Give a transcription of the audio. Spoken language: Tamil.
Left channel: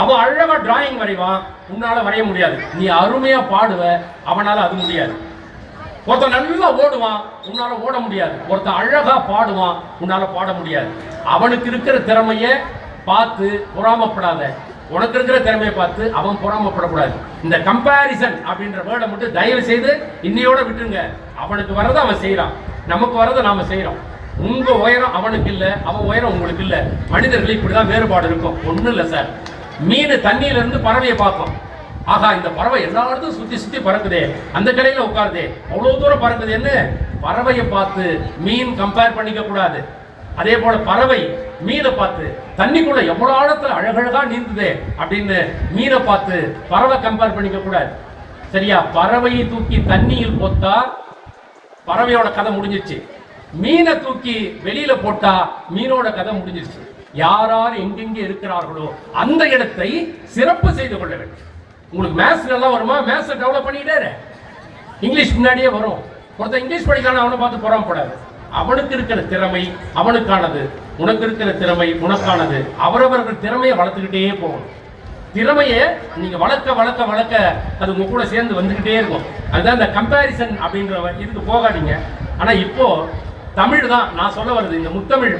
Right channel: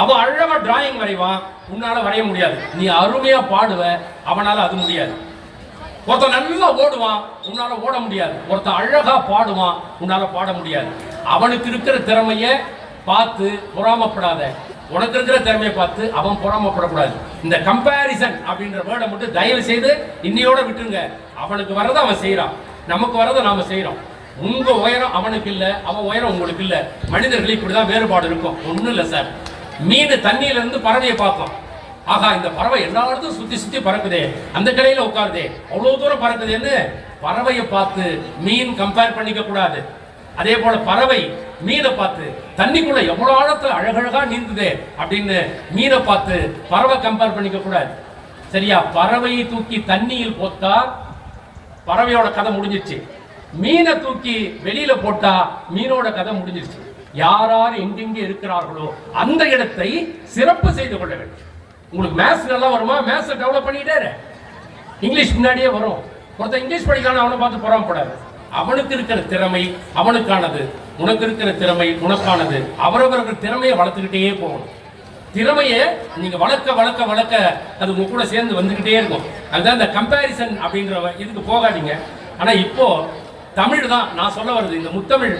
அவன் அழகா டிராயிங் வரைவான், உன்னால வரைய முடியாது. நீ அருமையா பாடுவ, அவனால அது முடியாது. ஒருத்தன் நல்லா ஓடுவான், உன்னால ஓட முடியாது. ஒருத்தன் அழகா பாடுவான், உன்னால பாட முடியாது. அவனுக்கு இருக்கிற திறமைய பார்த்து பொறாமப்படாத, உனக்கு இருக்கிற திறமையை பார்த்து அவன் பொறாமப்படக்கூடாது. இந்த கம்பேரிசன் அப்படின்ற வேர்டை மட்டும் தயவு செய்து இன்னையோட விட்டுருங்க. அவனுக்கு வரதை அவன் செய்யறான், நமக்கு வரதை நாம செய்யறோம். உங்க உயரம் அவனுக்கு இல்ல, அவன் உயரம் உங்களுக்கு இல்ல. மனிதர்கள் இப்படிதான் வேறுபாடு இருக்கும். ஒண்ணும் இல்ல சார், மீன் தண்ணியில இருந்து பறவையை பார்க்கும். ஆகா, இந்த பறவை எல்லா இடத்தும் சுத்தி சுத்தி பறக்குதே, அந்த கிளையில உட்காருதே, அவ்வளவு தூரம் பறக்குதுன்னு பறவையை பார்த்து மீன் கம்பேர் பண்ணிக்க கூடாது. அதே போல பறவை மீனை பார்த்து தண்ணிக்குள்ள எவ்வளவு ஆழத்துல அழகழகா நீந்துதே அப்படின்னு மீனை பார்த்து பறவை கம்பேர் பண்ணிக்க கூடாது. சரியா? பறவையை தூக்கி தண்ணியில் போட்டா பறவையோட கதை முடிஞ்சிருச்சு. மீனை தூக்கி வெளியில போட்டா மீனோட கதை முடிஞ்சிருச்சு. யாரார் எங்கெங்கே இருக்கிறார்களோ அந்த இடத்தை சிறப்பு செய்து கொள்ள வேண்டும். உங்களுக்கு மேத்ஸ் நல்லா வருமா? மேத்ஸ் டெவலப் பண்ணிக்கிட்டே இங்கிலீஷ் முன்னாடியே வரும். ஒருத்தன் இங்கிலீஷ் படிக்கான அவனை பார்த்து பொறாமப்படாது. அவனுக்கு இருக்கிற திறமை அவனுக்கானது, உனக்கு இருக்கிற திறமை உனக்கானது. அவரவர்கள் திறமையை வளர்த்துக்கிட்டே போகணும். திறமையை நீங்க வளர்க்க வளர்க்க வளர்க்க அது உங்க கூட சேர்ந்து வந்துகிட்டே இருக்கும். அதுதான் இந்த கம்பேரிசன் அப்படின்ற இதுக்கு போகாதீங்க. ஆனா இப்போ தமிழ் தான் நான் சொல்ல வருது. இந்த முத்தமிழ்